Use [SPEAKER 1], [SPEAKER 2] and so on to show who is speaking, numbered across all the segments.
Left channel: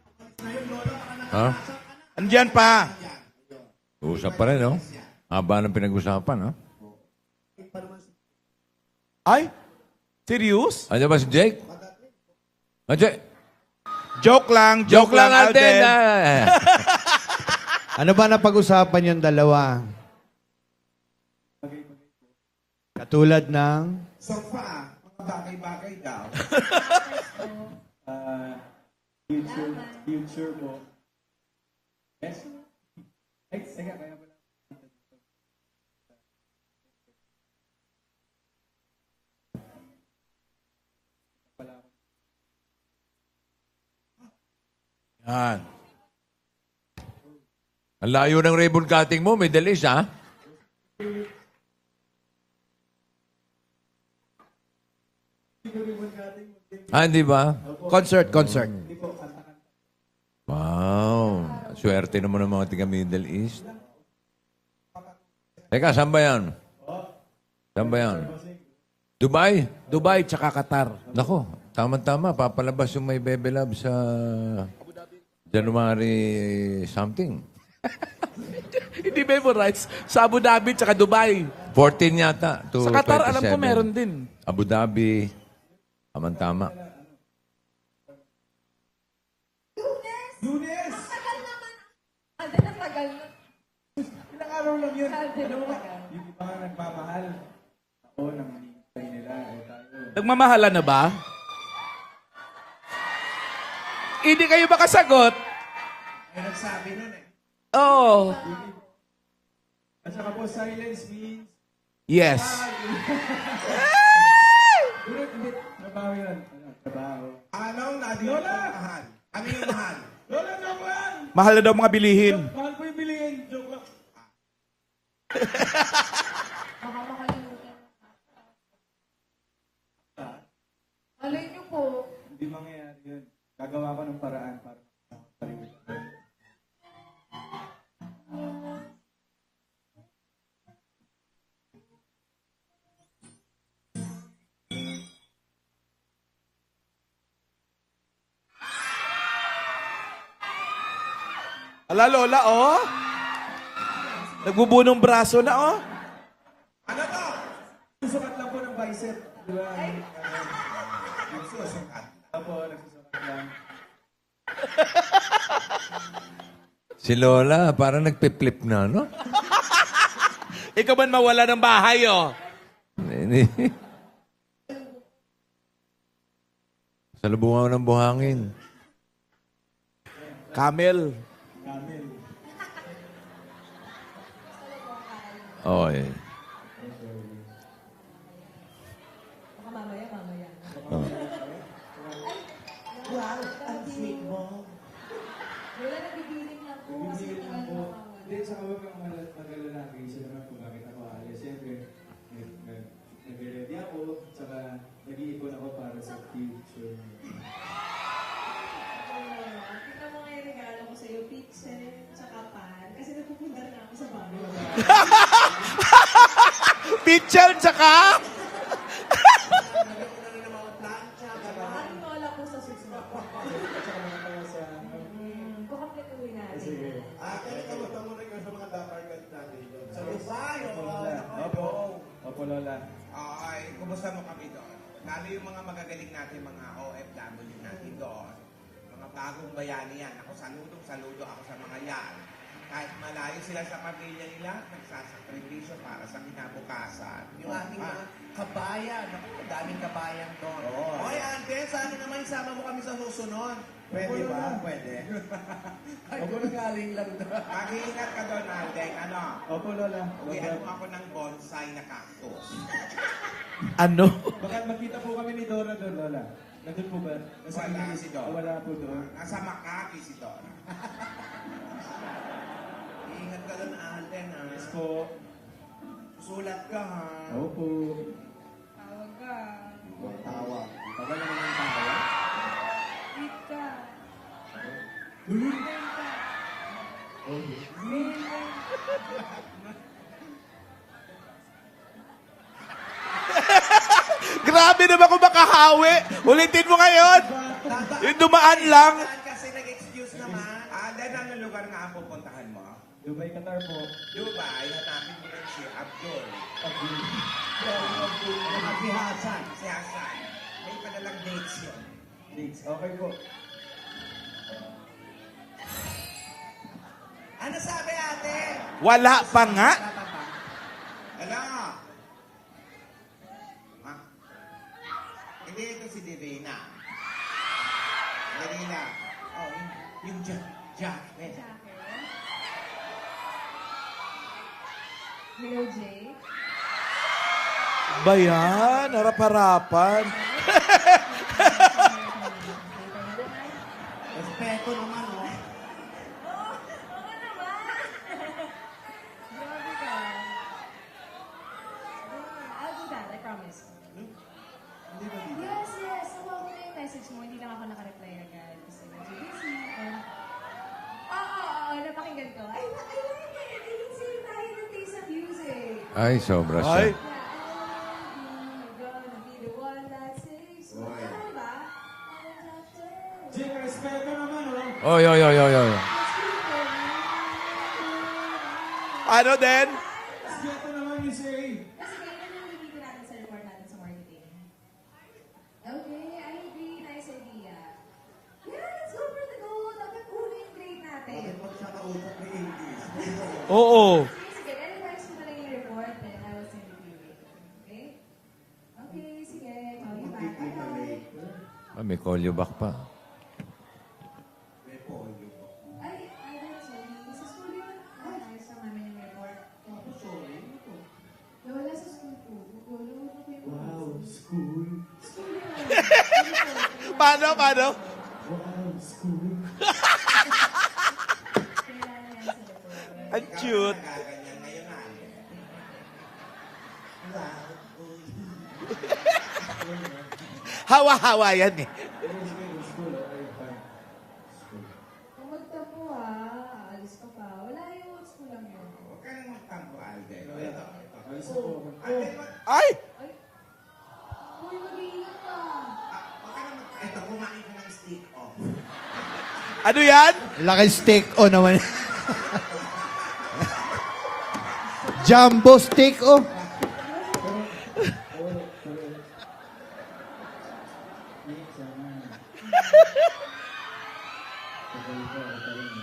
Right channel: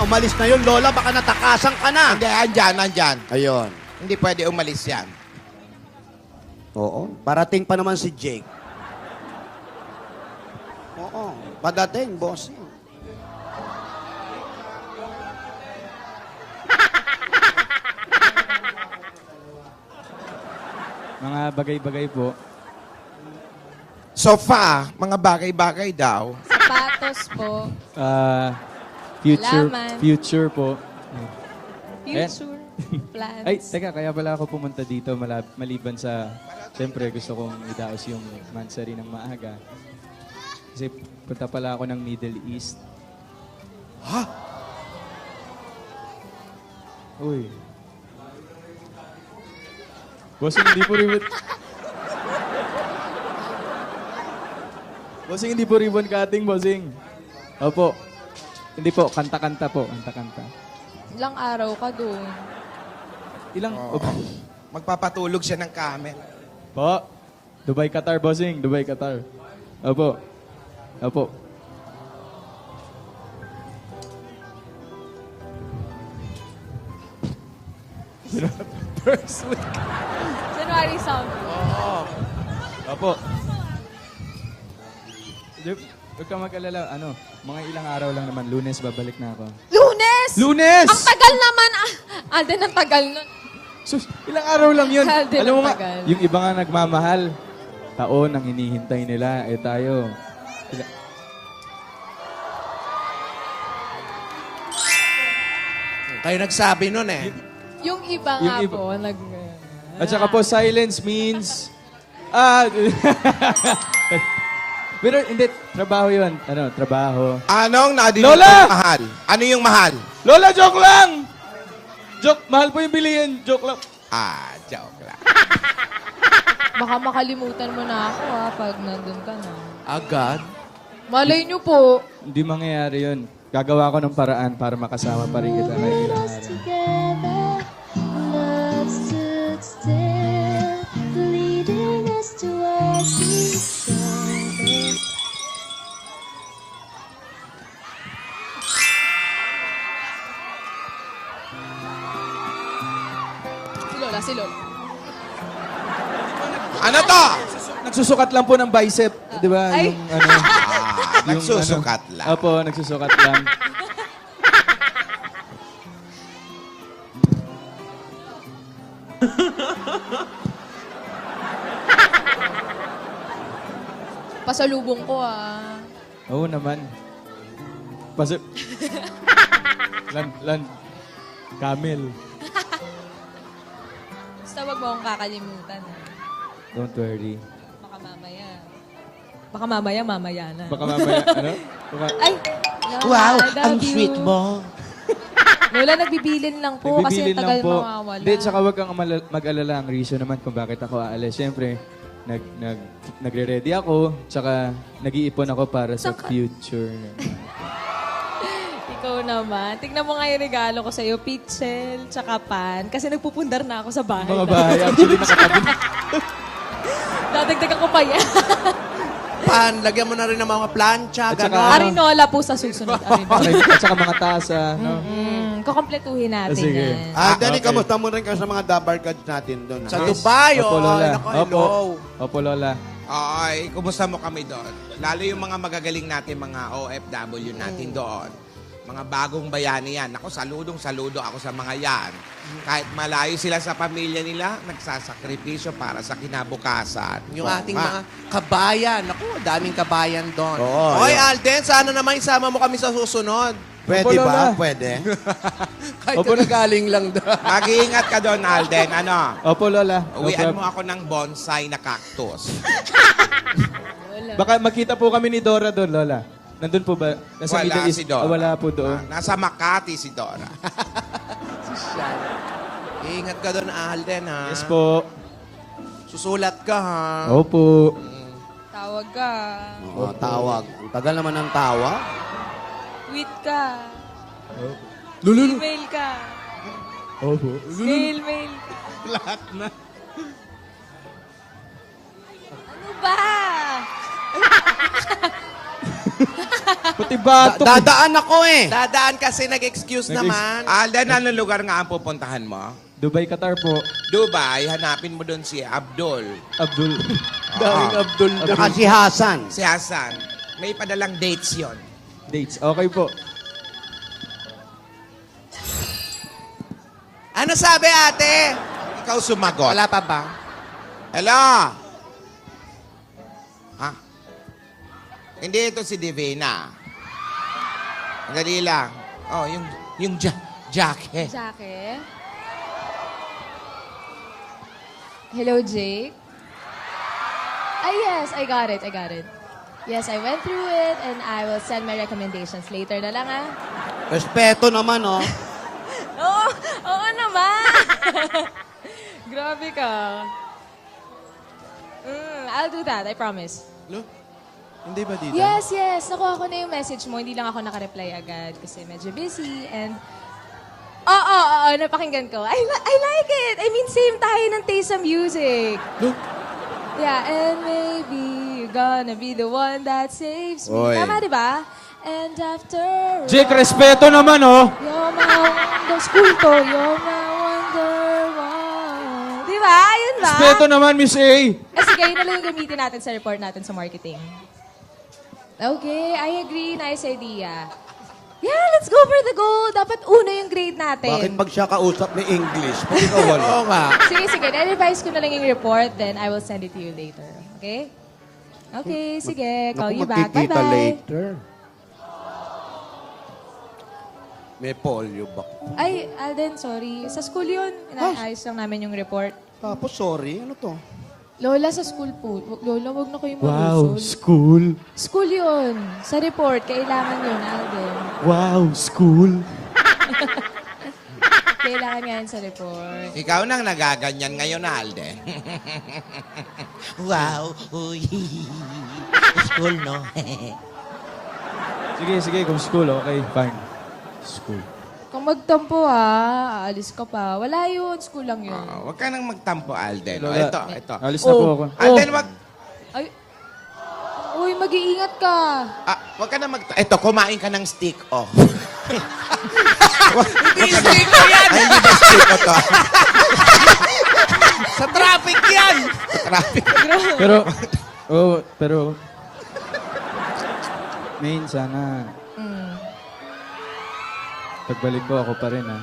[SPEAKER 1] umalis na yun, Lola. Baka natakasan ka na.
[SPEAKER 2] Andyan dyan, andyan.
[SPEAKER 1] Ayun.
[SPEAKER 2] Hindi pwede
[SPEAKER 3] Pa rin,
[SPEAKER 2] umalis
[SPEAKER 3] no?
[SPEAKER 2] yan.
[SPEAKER 3] Haba ng pinag-usapan, ha?
[SPEAKER 1] Oo. Parating pa naman si Jake.
[SPEAKER 4] Ay? Serious?
[SPEAKER 3] Ano ba si Jake?
[SPEAKER 1] Padating, boss.
[SPEAKER 3] Jake?
[SPEAKER 4] Joke lang,
[SPEAKER 3] Joke lang, Alden.
[SPEAKER 5] Ano ba napag-usapan yung dalawa?
[SPEAKER 6] Mga bagay-bagay po.
[SPEAKER 5] Katulad ng...
[SPEAKER 2] Sofa, mga bagay-bagay daw.
[SPEAKER 7] Sapatos po. Laman.
[SPEAKER 6] Future po.
[SPEAKER 7] Future. Plans.
[SPEAKER 6] Ay, teka, kaya pala ako pumunta dito maliban sa... Siyempre, gusto kong idaos yung mansari ng maaga. Kasi punta pala ako ng Middle East.
[SPEAKER 3] Yan.
[SPEAKER 6] Uy.
[SPEAKER 3] Ang layo ng ribbon cutting mo, may dalis, ha?
[SPEAKER 6] Bossing, hindi po ribbon... Bossing, hindi po ribbon cutting, bossing.
[SPEAKER 3] Ah, hindi ba?
[SPEAKER 6] Opo.
[SPEAKER 5] Concert.
[SPEAKER 6] Hindi po, kanta-kanta po. Kanta-kanta.
[SPEAKER 3] Wow.
[SPEAKER 7] Ilang araw ka
[SPEAKER 3] Swerte
[SPEAKER 7] po?
[SPEAKER 3] naman ng mga tiga Middle East.
[SPEAKER 6] Ilang...
[SPEAKER 2] Magpapatulog siya ng
[SPEAKER 3] Teka, saan ba yan?
[SPEAKER 6] Po. Dubai,
[SPEAKER 3] Saan ba yan?
[SPEAKER 6] Qatar, bossing. Dubai, Qatar.
[SPEAKER 3] Dubai?
[SPEAKER 6] Opo.
[SPEAKER 4] Dubai tsaka Qatar.
[SPEAKER 6] Opo.
[SPEAKER 3] Ako, tama-tama. Papalabas yung may Bebe Love sa January something.
[SPEAKER 4] Hindi ba yung rights? Sa Abu Dhabi tsaka Dubai.
[SPEAKER 3] 14 yata. To
[SPEAKER 4] Sa Qatar, alam ko
[SPEAKER 3] 47.
[SPEAKER 4] meron din.
[SPEAKER 3] Abu Dhabi.
[SPEAKER 6] Huwag kang
[SPEAKER 3] Tama.
[SPEAKER 6] mag-alala. Ano, mga ilang araw lang naman. Lunes, babalik na ako.
[SPEAKER 7] Lunes!
[SPEAKER 6] Lunes!
[SPEAKER 7] Ang tagal naman. Alden, ang tagal nun.
[SPEAKER 6] Sus, ilang araw lang yun.
[SPEAKER 7] Alden,
[SPEAKER 6] Alam mo
[SPEAKER 7] ang
[SPEAKER 6] nga,
[SPEAKER 7] tagal.
[SPEAKER 6] yung iba nga nagmamahal. Taon ang hinihintay nila. Eh tayo.
[SPEAKER 4] Nagmamahala na ba? Hindi kayo makasagot.
[SPEAKER 2] Kayo nagsabi nun eh.
[SPEAKER 7] Yung iba
[SPEAKER 6] yung
[SPEAKER 7] nga
[SPEAKER 6] iba.
[SPEAKER 7] po,
[SPEAKER 6] At saka po, silence means...
[SPEAKER 4] Yes.
[SPEAKER 6] Pero hindi, trabaho yun. Ano, trabaho.
[SPEAKER 2] Anong nadinig
[SPEAKER 6] Lola!
[SPEAKER 2] kong mahal? Ano yung mahal?
[SPEAKER 6] Lola, joke lang!
[SPEAKER 4] Mahal na daw mga bilihin.
[SPEAKER 6] Joke, mahal po yung bilihin. Joke lang.
[SPEAKER 2] Joke lang.
[SPEAKER 7] Baka makalimutan mo na ako pag nandun ka na.
[SPEAKER 2] Agad?
[SPEAKER 7] Malay niyo po.
[SPEAKER 6] Hindi mangyayari yun. Gagawa ko ng paraan para makasama pa rin kita ngayong ilang araw.
[SPEAKER 8] Together, love stood still, leading us towards each other.
[SPEAKER 4] Ala, Lola, oh.
[SPEAKER 7] Si Lola.
[SPEAKER 4] Nagbubunong braso na, oh.
[SPEAKER 2] Ano to?
[SPEAKER 6] Nagsusukat lang po ng bicep. Di ba?
[SPEAKER 7] Ay.
[SPEAKER 6] Yung ano.
[SPEAKER 2] Nagsusukat lang.
[SPEAKER 6] Opo, nagsusukat lang.
[SPEAKER 3] Si Lola, parang nagpe-flip na, no?
[SPEAKER 4] Ikaw man mawala ng bahay, oh.
[SPEAKER 7] Pasalubong ko
[SPEAKER 6] Oo naman.
[SPEAKER 3] Salubungan ng buhangin.
[SPEAKER 4] Camel.
[SPEAKER 6] Camel.
[SPEAKER 7] Basta wag mo akong kakalimutan.
[SPEAKER 3] Oo, eh.
[SPEAKER 6] Don't worry.
[SPEAKER 7] Baka mamaya. Baka mamaya na.
[SPEAKER 6] Baka mamaya, ano?
[SPEAKER 7] Ay! Lola, I love you.
[SPEAKER 2] mo.
[SPEAKER 7] Lola, nagbibilin lang po kasi
[SPEAKER 6] Nagbibilin
[SPEAKER 7] ang tagal
[SPEAKER 6] lang po.
[SPEAKER 7] mawawala.
[SPEAKER 6] Hindi, tsaka huwag kang mag-alala. Ang reason naman kung bakit ako aalis. Siyempre, nagre-ready ako, tsaka nag-iipon ako para sa future.
[SPEAKER 7] Ikaw naman. Tignan mo nga yung regalo ko sa'yo. Pitzel, tsaka pan. Kasi nagpupundar na ako sa bahay.
[SPEAKER 6] Mga bahay. Actually, sa kabila.
[SPEAKER 4] Picture
[SPEAKER 7] Dagdag ko pa yan.
[SPEAKER 1] Pan, lagyan mo na rin ng mga plancha,
[SPEAKER 6] At saka-
[SPEAKER 1] gano'n.
[SPEAKER 7] Arinola po sa susunod. Arinola.
[SPEAKER 6] At saka mga tasa. No?
[SPEAKER 7] Kukompletuhin natin
[SPEAKER 6] Sige.
[SPEAKER 7] yan.
[SPEAKER 1] Danny, kamusta mo rin ka sa mga dabar cards natin doon? Sa
[SPEAKER 2] Yes.
[SPEAKER 1] Dubai,
[SPEAKER 6] Opo,
[SPEAKER 1] oh.
[SPEAKER 6] Lola.
[SPEAKER 1] Naku,
[SPEAKER 6] Opo.
[SPEAKER 1] hello.
[SPEAKER 6] Opo, Lola.
[SPEAKER 2] Ay, kumusta mo kami doon? Lalo yung mga magagaling natin, mga OFW natin doon. Mga bagong bayani yan. Ako, saludo ako sa mga yan. Kahit malayo sila sa pamilya nila, nagsasakripisyo para sa kinabukasan.
[SPEAKER 9] Yung ating mga kabayan. Naku, daming kabayan doon.
[SPEAKER 1] Oo,
[SPEAKER 9] Hoy,
[SPEAKER 1] yun.
[SPEAKER 9] Alden, sana naman isama mo kami sa susunod.
[SPEAKER 1] Pwede
[SPEAKER 6] Opo,
[SPEAKER 1] ba?
[SPEAKER 6] Lola.
[SPEAKER 1] Pwede.
[SPEAKER 9] Kahit na galing lang doon.
[SPEAKER 2] Mag-iingat ka doon, Alden. Ano?
[SPEAKER 6] Opo, Lola. No
[SPEAKER 2] Uwian
[SPEAKER 6] problem.
[SPEAKER 2] mo ako ng bonsai na cactus.
[SPEAKER 4] Ano?
[SPEAKER 6] Baka magkita po kami ni Dora doon, Lola. Nandun po ba? Nasa
[SPEAKER 2] Wala
[SPEAKER 6] Middle East?
[SPEAKER 2] si Dora.
[SPEAKER 6] Wala po doon.
[SPEAKER 2] Nasa Makati si Dora.
[SPEAKER 9] Ingat ka doon, Alden, ha?
[SPEAKER 6] Yes po.
[SPEAKER 9] Susulat ka, ha?
[SPEAKER 6] Opo.
[SPEAKER 7] Tawag ka.
[SPEAKER 1] Oo, tawag. Ang tagal naman ng tawag.
[SPEAKER 7] Tweet ka.
[SPEAKER 6] Lulu.
[SPEAKER 7] Mail ka.
[SPEAKER 6] Opo.
[SPEAKER 7] Mail. Ano ba?
[SPEAKER 4] Grabe naman kung makahawi. Ulitin mo ngayon.
[SPEAKER 6] Batok.
[SPEAKER 1] Dadaan
[SPEAKER 4] Yung
[SPEAKER 1] ako
[SPEAKER 4] dumaan
[SPEAKER 1] eh.
[SPEAKER 4] lang.
[SPEAKER 1] Dadaan kasi nag-excuse naman.
[SPEAKER 2] Alden, anong lugar nga ang pupuntahan mo?
[SPEAKER 6] Dubai, Qatar po.
[SPEAKER 2] Dubai, hanapin mo doon si Abdul.
[SPEAKER 6] Abdul.
[SPEAKER 1] Abdul.
[SPEAKER 5] Saka si Hasan.
[SPEAKER 2] Si Hassan. May padalang dates yon.
[SPEAKER 6] Dates. Okay po.
[SPEAKER 1] Ano sabi ate?
[SPEAKER 4] Wala pa nga.
[SPEAKER 1] Wala pa ba?
[SPEAKER 2] Hello? Ha? Hindi ito si Divina. Dali lang. Oh, yung jacket.
[SPEAKER 7] Jackie? Hello, Jake? Yes, I got it. I got it.
[SPEAKER 4] Harap-harapan.
[SPEAKER 7] Yes, I went through it and I will send my recommendations later na lang, ah.
[SPEAKER 1] Respeto naman, oh.
[SPEAKER 7] Oo naman. Grabe ka. I'll do that, I promise.
[SPEAKER 1] Look, hindi ba dito?
[SPEAKER 7] Yes. Nakuha ko na yung message mo. Hindi lang ako nakareply agad kasi medyo busy and... Oo, napakinggan ko. I like it. I mean, same tayo ng taste sa music.
[SPEAKER 3] Ay, sobra siya.
[SPEAKER 7] Yeah, and maybe you're gonna be the one that saves me.
[SPEAKER 1] Oy.
[SPEAKER 7] Tama, di ba? And after...
[SPEAKER 6] Jake, respeto naman, oh.
[SPEAKER 3] Oy.
[SPEAKER 7] The school ko, you're my wonder.
[SPEAKER 4] Ano din?
[SPEAKER 7] Diba? Yun ba?
[SPEAKER 6] Respeto naman, Miss A.
[SPEAKER 7] Sige, yun na lang yung gamitin natin sa report natin sa marketing. Okay, I agree. Nice idea. Yeah, let's go for the goal. Dapat una yung grade natin.
[SPEAKER 1] Bakit pag siya kausap may English? Pag ikaw wala.
[SPEAKER 7] Sige. Na-revise ko na lang yung report, then I will send it to you later. Okay? Okay, sige. Call you back.
[SPEAKER 1] magkikita
[SPEAKER 7] Bye-bye.
[SPEAKER 1] later.
[SPEAKER 3] Ah, may call you back pa.
[SPEAKER 1] May polio ba?
[SPEAKER 7] Ay, Alden, sorry. Sa school yun. Inaayos lang namin yung report.
[SPEAKER 1] Tapos, sorry. Ano to?
[SPEAKER 7] Lola, sa school po. Lola, wag na kayo
[SPEAKER 6] Wow,
[SPEAKER 7] malusot.
[SPEAKER 6] school.
[SPEAKER 7] School yun. Sa report, kailangan
[SPEAKER 4] Paano?
[SPEAKER 6] Wow, school.
[SPEAKER 7] Kailangan yan sa report.
[SPEAKER 2] Ikaw nang nagaganyan ngayon, Alden.
[SPEAKER 9] Wow. Uy. School, no?
[SPEAKER 4] Hawa-hawa yan eh.
[SPEAKER 6] Sige, kung school, okay, fine. School.
[SPEAKER 7] Kung magtampo aalis ka pa. Wala yun. School lang yun.
[SPEAKER 2] Huwag ka nang magtampo, Alden. O,
[SPEAKER 6] Lola,
[SPEAKER 2] ito.
[SPEAKER 6] Alis na po ako.
[SPEAKER 2] Alden, wag... Ay!
[SPEAKER 7] Ay. Uy, mag-iingat ka.
[SPEAKER 2] Wag ka na Ito, kumain ka ng stick, oh.
[SPEAKER 4] Ano yan?
[SPEAKER 2] Stick ko yan! Hindi ba stick ko to?
[SPEAKER 4] Sa traffic
[SPEAKER 5] Jumbo
[SPEAKER 4] yan!
[SPEAKER 5] stick, oh.
[SPEAKER 6] Pero, Main, sana, pagbalik ko, ako pa rin, ha?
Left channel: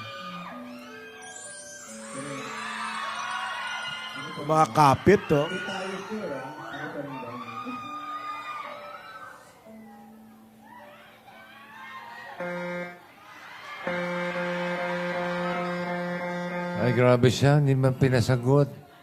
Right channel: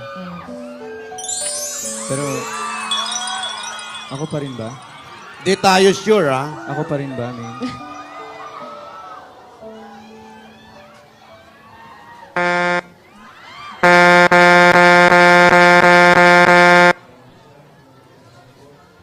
[SPEAKER 6] Pero, ako pa rin ba?
[SPEAKER 5] Mga kapit, oh.
[SPEAKER 1] Di tayo sure, ah.
[SPEAKER 6] Ako pa rin ba, Main?
[SPEAKER 3] Ay, grabe siya, hindi man pinasagot.